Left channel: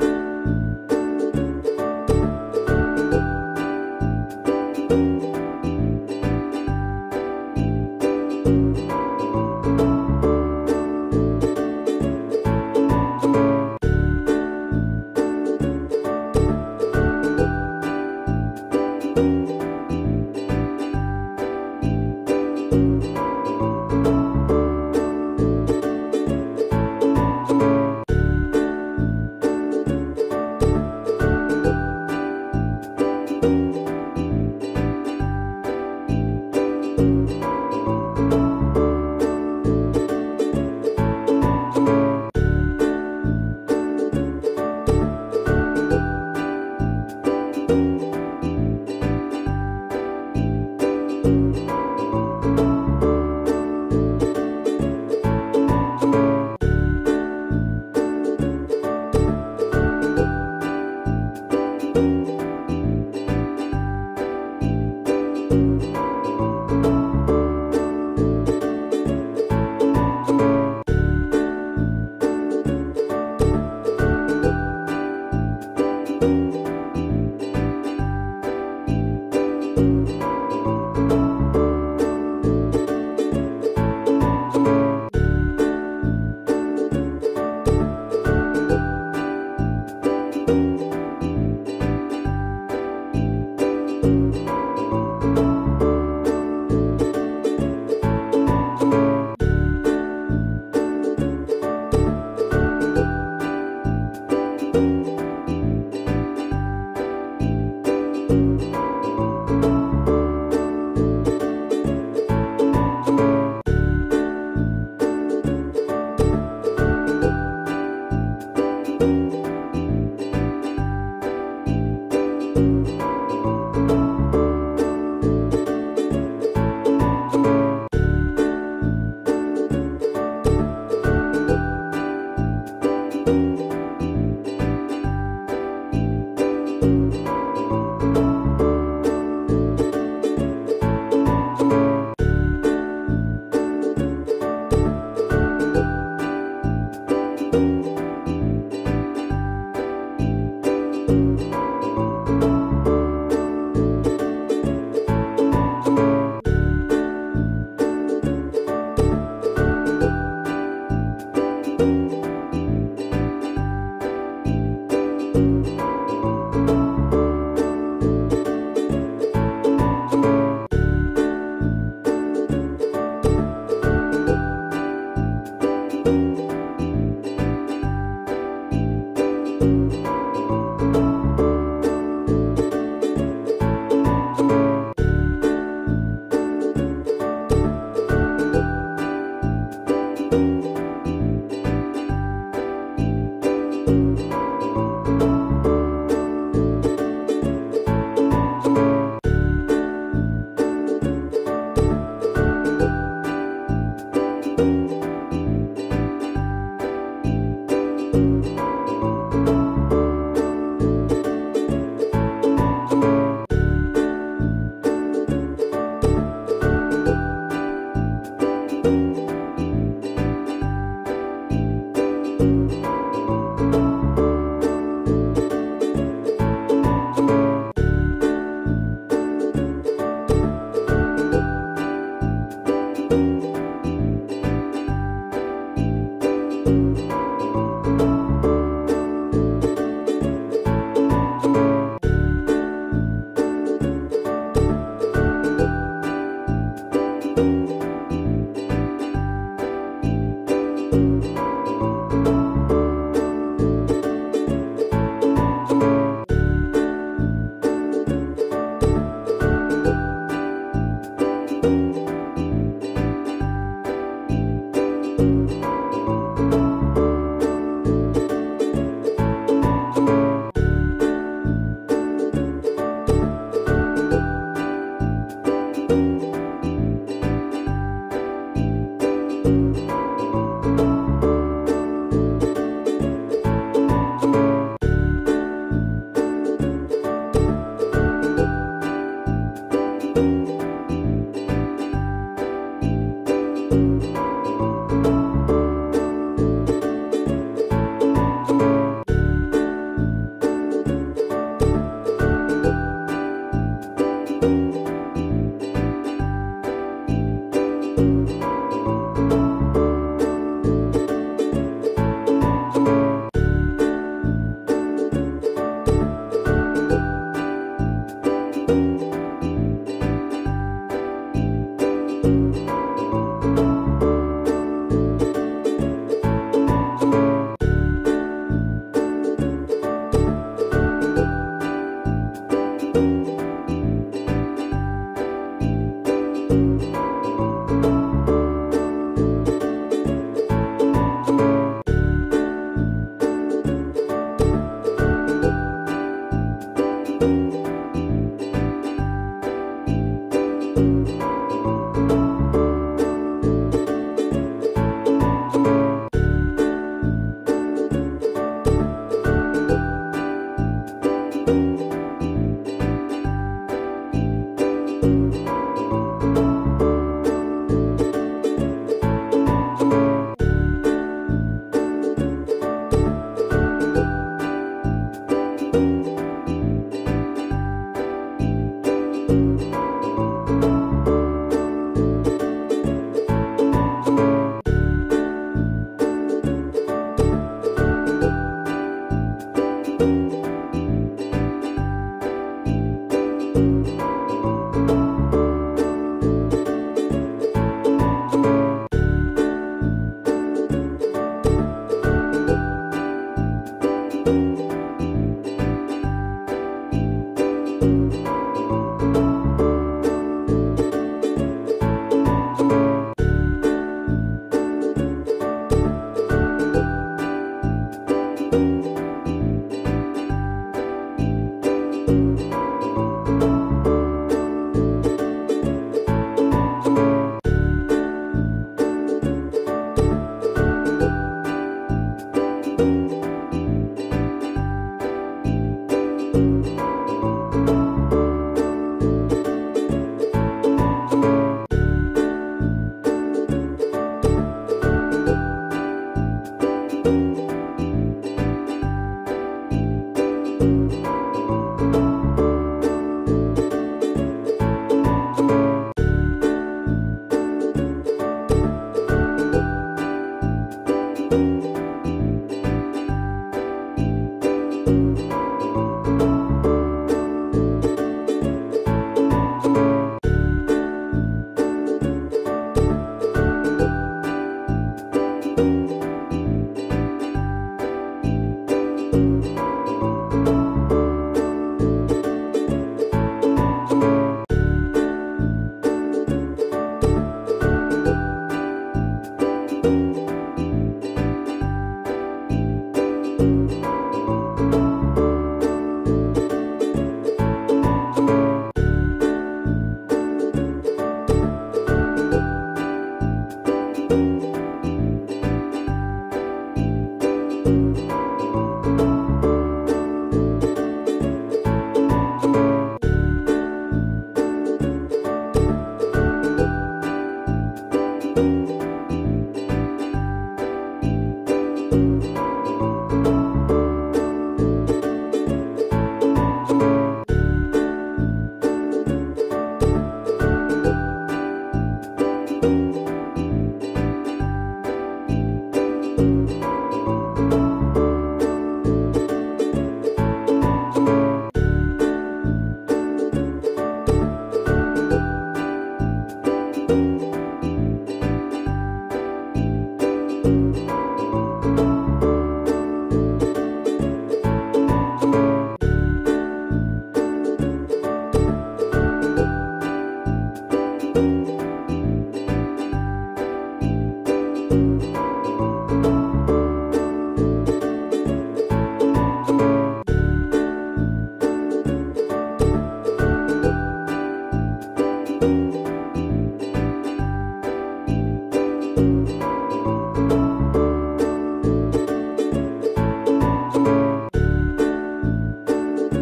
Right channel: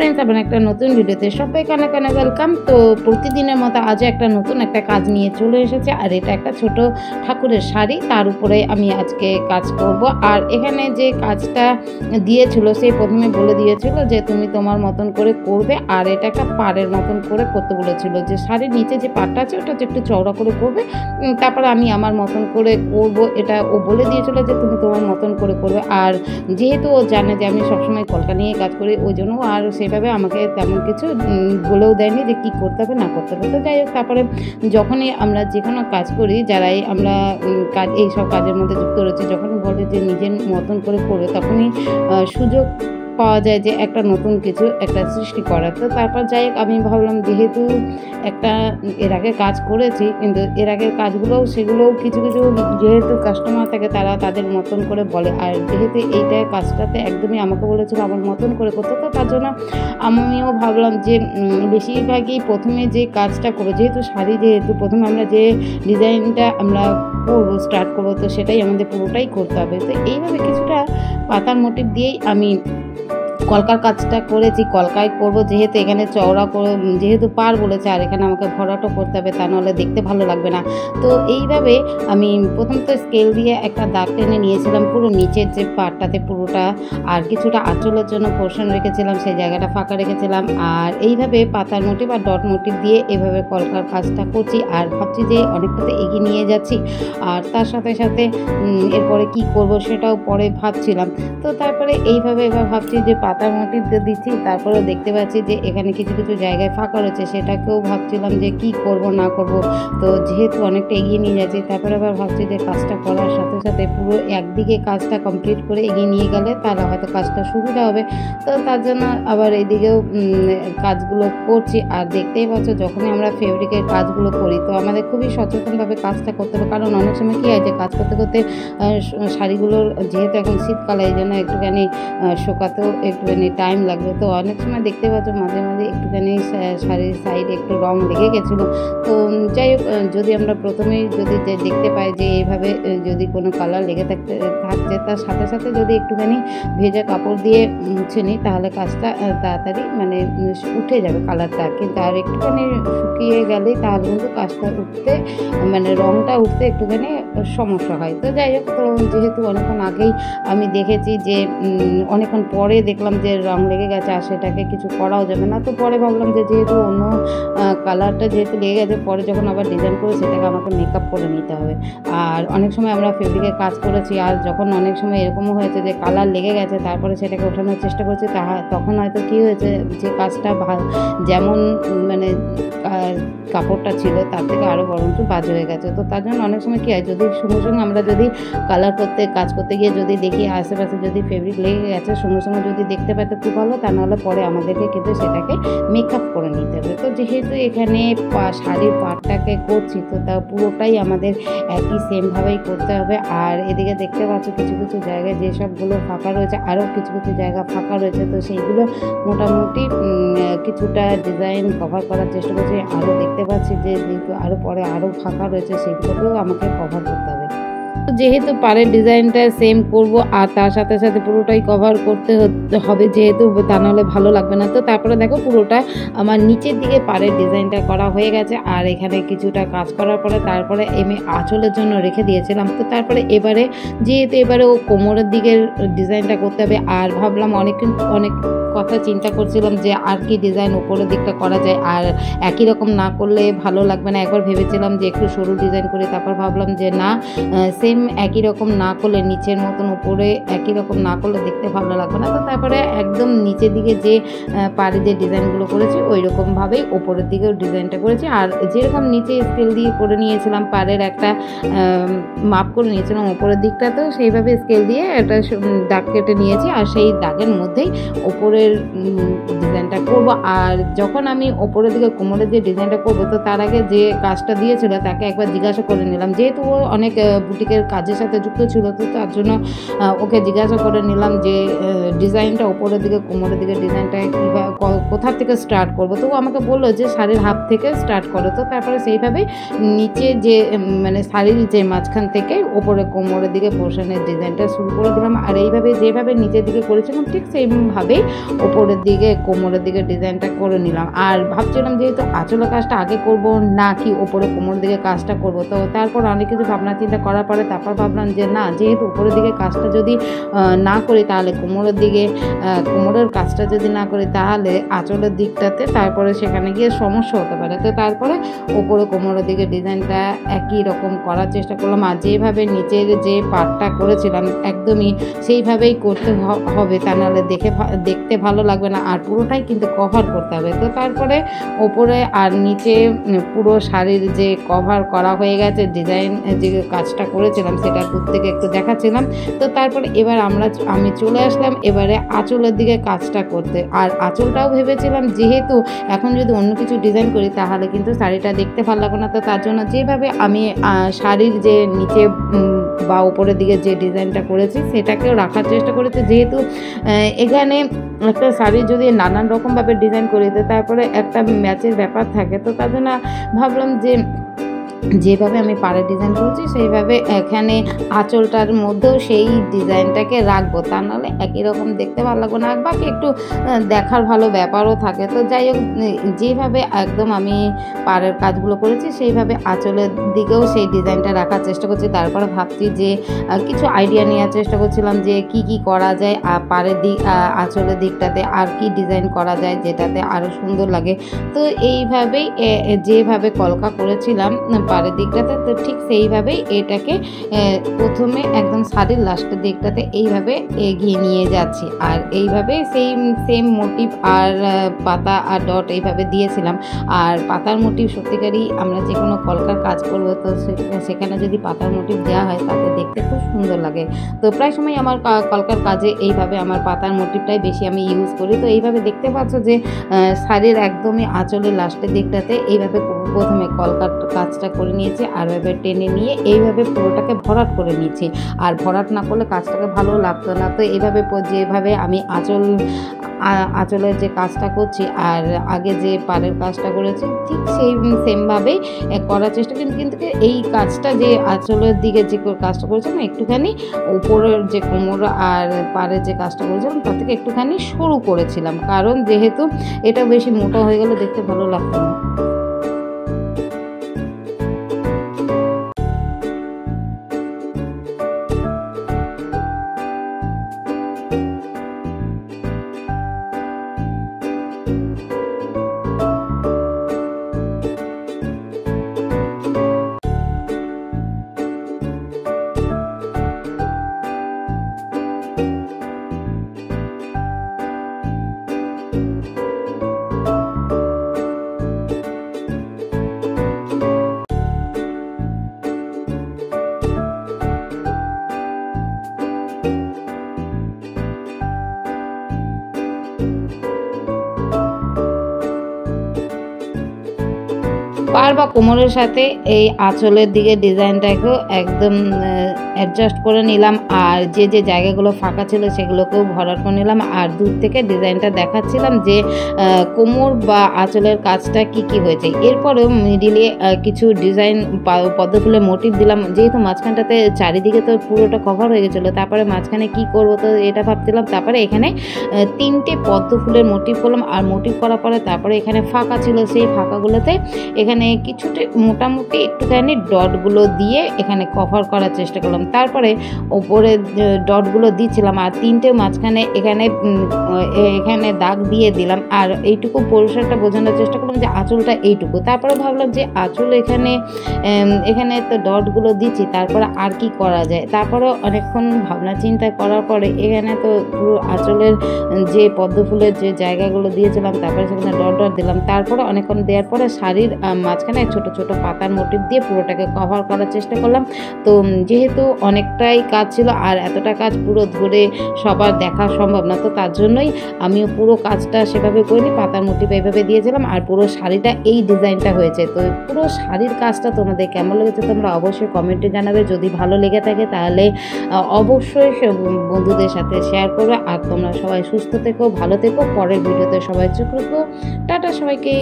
Friends, আবার একটা নতুন ভিডিওতে সবাইকে অনেক অনেক ওয়েলকাম। তো প্রতিদিনের মতো আজও একটা নতুন একটা কাজ নিয়ে চলে এসেছে, আর এটা একটা ছোট ঠাকুরের শাড়ি, তার উপরে আমি আজকে কাজ করব। আর এখানে যে কাজটা দিয়েছিল সে প্রথমে বলে দিয়েছিল যে তুমি তোমার মতন করে করবে, আর এটা একটা পাড়ের মতন করে করতে বলেছিল, যে শাড়ির নিচে যে পাড়টা আছে ওটা একটু চওড়া করে করবে, তারপরে আমি আমার মতন করে করব। এটা ও বলে দিয়েছিল যে তুমি তোমার মতন করে করবে। আর যেহেতু ও জানে যে আমি সবসময় কলকা নিয়ে কাজ করি, ওই জন্য আর সেভাবে আমাকে তেমন কিছু বলেও দেয়নি যে কী করতে হবে না করতে হবে। তো যাই হোক, তারপরে যখনই আমরা যে কোনো কাজ করি, যারাই আমরা কাজ এইসব কাজের মধ্যে যুক্ত রয়েছে, যখন বলে যে নিজের মতন করে করবে, তখনই সুযোগ পাওয়া যায় যে একটা নতুন কিছু একটা সৃষ্টি করার। তো তারপর যাই হোক, আমি ভাবলাম যেহেতু একটা এর আগে কাজ করেছি, কিন্তু এর আগের কাজগুলোও সেগুলোও কিছু কিছু যেহেতু কাস্টমার থাকে তারা তাদের মতন করে বলে, আর যেহেতু এইটা কাজটাতে একদমই আমাকে বলেছিল আমার মতন করে করতে, তো তার জন্য আমিও ভাবলাম যে বেশিরভাগই প্রথমে যে কাজটা করবো, যেহেতু শাড়ি, যেহেতু প্রথমে আমরা যে ডিজাইনটা আমরা করবো স্টার্ট করবো, তো সেটাই আমাদের পুরোটাই করতে হবে। তো এইভাবে কিছুটা পাতার মোটিভ দিয়েই আমি কলকার কাজটা করেছি। কলকায় করব, যেহেতু এখানে চওড়া করে যেহেতু পার বলেছে, আর এখানে আমাকে ভরাটও করতে হবে, তা নাহলে দেখতে ভালো লাগবে না। তো এইভাবে আমি প্রথম তো স্কেল দিয়ে একটা দাগ টেনে নিয়েছিলাম পুরো নিচের যে পাড়টাতে পুরোটা, আর কিছুটা আঁচলের জন্য পোর্শন রেখেছিলাম, সেই জায়গাটা ফাঁকা রেখেছিলাম। আর এইভাবে পাতার মোটিভ আর ডট মোটিভ দিয়ে এভাবে কলকার কাজটা করছি, আর ভাবছি যে অনেকটাতে এগিয়ে নিয়ে যাচ্ছি। আর তার সাথে সাথে এরপরে কি করব সেটাও পরে ভাবছিলাম। তো তারপরে এইভাবে এবার ভাবছি যে পাতার মোটিভ দিচ্ছি, তারপরে দেখতে পাচ্ছি যে এখানে কিছু কিছু জায়গায় ফাঁকা রয়েছে, সেটাকেও ভাবছিলাম যে কি করব না করব। তো যেহেতু অনেকটা এগিয়ে নিয়ে যাচ্ছি, তারপরে আবার ভাবছি যে কাজটা করার সাথে সাথে পুরো একদিকে কাজটা কমপ্লিট করে এগিয়ে নিয়ে গেলে তাহলে হয়তো কাজটা সুবিধা হবে। তো তার জন্য আবার এদিকেও কাজগুলো করছি। আর দেখতেই পাচ্ছ, যখনই আমরা ফেব্রিকের কাজগুলো করি তো আমাদের খুবই সচেতনভাবে কাজটা করতে হবে, কারণ অনেক সময় কী হয় যে কাজ করতে করতে শাড়িগুলোর যেহেতু এখন শীতকালে, এই জন্য একটুখানি শুকাতেও একটুখানি টাইম লাগবে। তো অনেক সময় দেখতে পাচ্ছ মাঝে মাঝে একটুখানি শাড়ির সাইডে একটু রং লেগে গেছিলো। তো যাই হোক, যদি আমরা প্রথমেই যদি দেখতে পাই যে এইভাবে যদি কোনো কালার লেগে থাকছে, তার সাথে সাথে যদি একটুখানি ভেজা কাপড় দিয়ে মুছে নিই, তাহলে কাজটা তাড়াতাড়ি মানে উঠে যাবে কালারটা। কিন্তু আর একটুখানি শুকিয়ে গেলেই তাহলে কিন্তু কাজটা উঠতে মানে রংটা উঠতে একটুখানি সমস্যা হয়। তো যাই হোক, তো যেহেতু অনেকক্ষণ আগেই আমি দেখেছি যে অনেকক্ষণ পরে দেখলাম যে রং লেগে গেছে, আর সেটাকে কিছু করাও যাবে না। তো পরে ভাবলাম যে যেহেতু অন্য কালারটা যেহেতু লেগে গেছে, পরে যখন আবার ডিজাইন করে সেটাকে আমাকে মেকআপ করে নিতে হবে। আর অনেক সময় আমরা ফেব্রিকের কাজ করেছি, আর যখন অনেক সময় এরকমও হয়েছে যে কালার লেগে গেছে, তারপরে সেটাকে ওঠানোর চেষ্টা করছি, তখন হয়তো কী হয়েছে যে কাজটা যেমন মানে কাপড়টা ছিল তার থেকে আরও বরঞ্চ বাজে হয়ে গেছে। তো তার জন্য অনেক সময় কী হয়, যদি সঙ্গে সঙ্গে আমরা যদি কালার করতে কাজ করতে গিয়ে যদি দেখি আশেপাশে যদি ফেব্রিক লেগে গেছে, সঙ্গে সঙ্গে যদি দেখতে পাই তো খুব ভালো, তা নাহলে পরে আমাদেরকে কিন্তু সেটাকে মেকআপ করে নিতে হবে। তো যেহেতু এখানে শাড়ির পাড়টাকে করছি, তো তা পুরোটাই আমাদের একই সেমভাবেই করতে হবে। আর এদিকে দেখতে পাচ্ছি কিছু কিছু জায়গায় যেসবগুলো ফাঁকা রয়েছে, আরও কিছু কিছু জায়গা ফাঁকা রয়েছে, তো সেইগুলো মোটামুটি কিছুটা ডিজাইন কভার করার চেষ্টা করছি। আরও দেখতে পাচ্ছি যে আরও পরে আরও ফাঁকা রয়েছে, সেগুলোকেও আমাকে কভার করতে হবে। তো যেহেতু পাড়ের ডিজাইনটা সেম করব, আর তার সাথে সাথে পুরোটাই কভার করতে হবে, যেহেতু তা নাহলে ভালো লাগবে না। তো তারপরে দেখো পুরোটা আমার নিচের দিকে পাড়ের ডিজাইনটা করা হয়ে গেছে, আর এখানে কিছুটা কাজ করার পরে তারপরে আমি আঁচলের জন্য রেখে দিয়েছিলাম। তো তারপরে এবারে যেহেতু এবারে ও কোমরের দিকের ডিজাইনটা করতে হবে, আর ভাবলাম অনেক কথা চিন্তা করছিলাম যে আর কি ডিজাইন উপরের দিকটা করা যায়, আর একই রকম না করলে ভালো লাগবে না। একবার ভেবেছিলাম যে একটু সরু ডিজাইন করে, তারপর ভাবলাম যে না, সেম একই রকম না করলে, নিচের মতন উপরে একই রকম না করলে দেখতে ভালো লাগবে না। তো তারপরে একদম নিচের দিকে যে পাড়ে যে ডিজাইনগুলো করেছি ওই রকমভাবেই ওপরের দিকেও ডিজাইনটা করেছি। আর যেরকম নিচে স্কেল দিয়ে করে নিয়েছিলাম, পাড়ের একটা মাপ করে নিয়েছিলাম ওপরের দিকটাতেও সেইভাবে স্কেল দিয়ে একটা দাগ কেটে নিয়েছি, আর সেই দাগের মধ্যেই ওপরের ডিজাইনটা করবো। আর যখন আমি ওপরের দিকে কোমরের যে ডিজাইনটা করবো, তো তার আগে যে কাজটা দিয়েছিল তাকে একবার জিজ্ঞাসা করে নিলাম, যেহেতু ও অনেক বুটিকের কাজের সাথে যুক্ত ছিল, তো তার জন্য ওকে জিজ্ঞাসা করে নিলাম যে ডিজাইনটা ওপরের দিকে কোমরের দিকে ডিজাইনটা কোথা থেকে থেকে স্টার্ট করব। তো আমাকে বললো যে শাড়ির হাফ থেকে স্টার্ট করো। তো তারপরে সেইভাবে নিচে যে মানে শাড়ির যে মাঝখান থেকে ওপরে কোমরের দিকে পোর্শনের ডিজাইনটা শুরু করে দিলাম। আর এইভাবে যেভাবে নিচের দিকে করেছিলাম ঠিক সেইভাবেই ওপরের দিকে কোমরের দিকে ডিজাইনটা করে নিলাম। আর ভাবছিলাম যেহেতু আঁচলের কাজটা আগে করব না কি ওপরে কোমরের দিকে কাজটা করব। তো তারপর অনেক কিছু ভাবনা চিন্তা করার পরে তারপর ভাবলাম যে না, যেহেতু উপরের দিকে কাজটা যদি না করি তাহলে কোমরের দিকে কোমরের কাজটা যদি না করি তাহলে আঁচলের দিকটাতে তারপরে সেখানে গিয়ে সমস্যা হতে পারে। তো তারপরে ওপরে কোমরের দিকে ডিজাইনটা একই রকম করার চেষ্টা করলাম। আর যেভাবে নিচের যে পার্টটা করেছিলাম একদমই সেইভাবেই করতে হবে, তা নাহলে দেখতে ভালো লাগবে না। আর পুরোটাই কিন্তু কভার করতে হবে। তো তারপরে ওপরে আর নিচে পুরো শাড়ির যে কভার করা হয়ে গেছে, ডিজাইন যে কাজটা করেছিলাম সেটা দূর থেকে একটু দেখাচ্ছিলাম। তো তারপরে এবার আমি চলে আসলাম এবারে আঁচলের দিকে কাজটা করতে। আর আঁচলটাও ভেবেছিলাম যেহেতু এখন যদি অন্য কিছু ডিজাইন করি তাহলে কিন্তু শাড়িটা দেখতে ভালো লাগবে না। তো তার জন্য যেভাবে আমি শাড়ির যে নিচে বা উপরের দিকে যে ডিজাইনটা করেছি সেটাকেও রাখার চেষ্টা করেছি। যেহেতু এখানে একটা শাড়ি যদি নানান রকমভাবে ডিজাইন করি তো তারপরে একটা ম্যাচের ব্যাপার থাকে। তো তার জন্য ভাবলাম যে যেভাবে আমি পাড়ে ডিজাইন করেছি সেইভাবে এখানে আঁচলটার মধ্যেও সেই ডিজাইনটাকে রাখবো, তা নাহলে একই রকম দেখতে ভালো লাগবে না, বাকি একটু দেখার ভালো ব্যাপারও থাকে। তো যাই হোক, যেভাবে একদম আমি পাড়ের কাজগুলো করেছি সেইভাবে আঁচলের দিকেও সেই ডিজাইনটা রাখার চেষ্টা করছি। তারপরে ভাবছি যে কিছু আইডিয়া নেওয়ার চেষ্টা করছিলাম যে কি করা যায় পাড়ের দিক আঁচলের দিকটাতে আর কি ডিজাইন করা যায় যেটাতে আরও সুন্দর লাগে। তো এইভাবেই যেভাবে কলকা করেছিলাম পাড়ের দিকটাতে, তো ঠিক সেইভাবেই এটাকে প্রথমে একদম শাড়ির লাস্টের দিকটাতে এইভাবে এগিয়ে নিয়ে যাচ্ছি। আর এইভাবে সেম মোটিভ আর পাতা আর ডট এইভাবে দিয়েছিলাম। আর পাতার মোটিভ সত্যিকারই আমরা যে কোনো কলকার কাজ করবো তো সেখানে যদি পাতার মোটিভ দেওয়া হয় তাতে দেখতে খুব সুন্দর লাগে। তো প্রায় সময় আমার কলকার কাজে এইভাবে আমার পাতার মোটিভটাই বেশি আমি ইউজ করি। তো এইভাবে দেখতে পাচ্ছ যে শাড়ির একদমই আঁচলের লাস্টের দিকটাতে এইভাবে প্রথমে কলকার কাজটা করে নিয়েছি আর এভাবে টেনে নিয়ে এইভাবে পুরোটাকে ভরাট করে নিয়েছি। আর ভরাট না করলে কাজটাকে ভালো লাগতো না। তো এইভাবে যেভাবে আমি আঁচলের যে কাজটা করছি আর আগে যে পাড়ের কাজটা করেছি ঠিক সেমভাবেই করার চেষ্টা করি। কিন্তু এই কাজটা যে আঁচলের দিকে যে কাজটা করেছিলাম একটুখানি উপরের যে কোমর আর পাড়ের যে কাজটা করেছিলাম তার থেকে একটুখানি সরু করেছিলাম, কারণ যেহেতু এটা বেশি মোটা হয়ে গেলে দেখতে ভালো লাগতো না। পাড় বা কোমরের সাথে এই আঁচলের দিকে ডিজাইনটাকেও একদম অ্যাডজাস্ট করে নিলাম। আর যে জায়গাগুলো ফাঁকা ছিল সেগুলোকেও ভরাট করে নিলাম। আর দূর থেকে ডিজাইনটা দেখাচ্ছিলাম যে কোমর বা আঁচলের কাজটা কি হয়েছে। এরপরেও মিডিলে কিছু ডিজাইন পদ্মফুলের মোটিভ দিলাম, যেহেতু মাঝখানটাতে চারিদিকে তো পুরোটা কভার হয়ে গেছিলো। তারপরে মাঝখানে কি করব তো এটা ভাবছিলাম। তারপরে এখানে 3টে পদ্মফুলের মোটিভ করলাম। আর মোটিভ করার পরে তারপরে এখানে ফাঁকা ছিল, সেই ফাঁকাগুলোতে এখানে কিছুটা মোটামুটি একটুখানি ডটগুলো দিয়ে এখানে কভার করার চেষ্টা করলাম। তারপরে ওপরে ডটগুলো দিচ্ছিলাম আর 3টে মাঝখানে এখানে দাগ দিয়ে দিলাম। আর এইটুকু পরিষ্কারটা বোঝানোর চেষ্টা করলাম যে আঁচলটা এইটুকু। তারপরে ভাবলাম যে আঁচল এখানে তো ডটগুলো দিচ্ছি, তারপরে আর কি করা যায়। তারপরে অনেকক্ষণ ভাবনা চিন্তা করার পরে এখানে তো পুরো আঁচলের যে পদ্মফুলের যে জায়গাগুলো দিয়েছিলাম তারপরে সেখানে ডট দিলাম। তারপরে অনেকক্ষণ দেওয়ার পরে শাড়ির মাঝখানে ছোট ছোট পাতার মোটিভ দিয়ে পুরোটাকে কভার করার চেষ্টা করলাম। তো যেহেতু অনেকটাই কাজ ছিল, আর এতটা কাজ পুরো ধরে সবার দেখা সম্ভব না, তো তার জন্যই আমিও পুরো কাজটা সেভাবে করিনি, পাতার মোটিভ এইভাবে দিয়েছিলাম। আর পুরো শাড়িটা এই ডিজাইনটা হয়েছে। তো পুরো শাড়ির কাজটা তোমাদের কেমন লেগেছে তোমরা অবশ্যই কমেন্টে জানাবে। যদি ভালো লেগে থাকে তাহলে অবশ্যই বন্ধুদের সাথে শেয়ার করবে। আর তোমরা সবাই সুস্থ থেকো, ভালো থেকো। পরের ভিডিওতে সবাই চোখ রাখো। টাটা সবাইকে।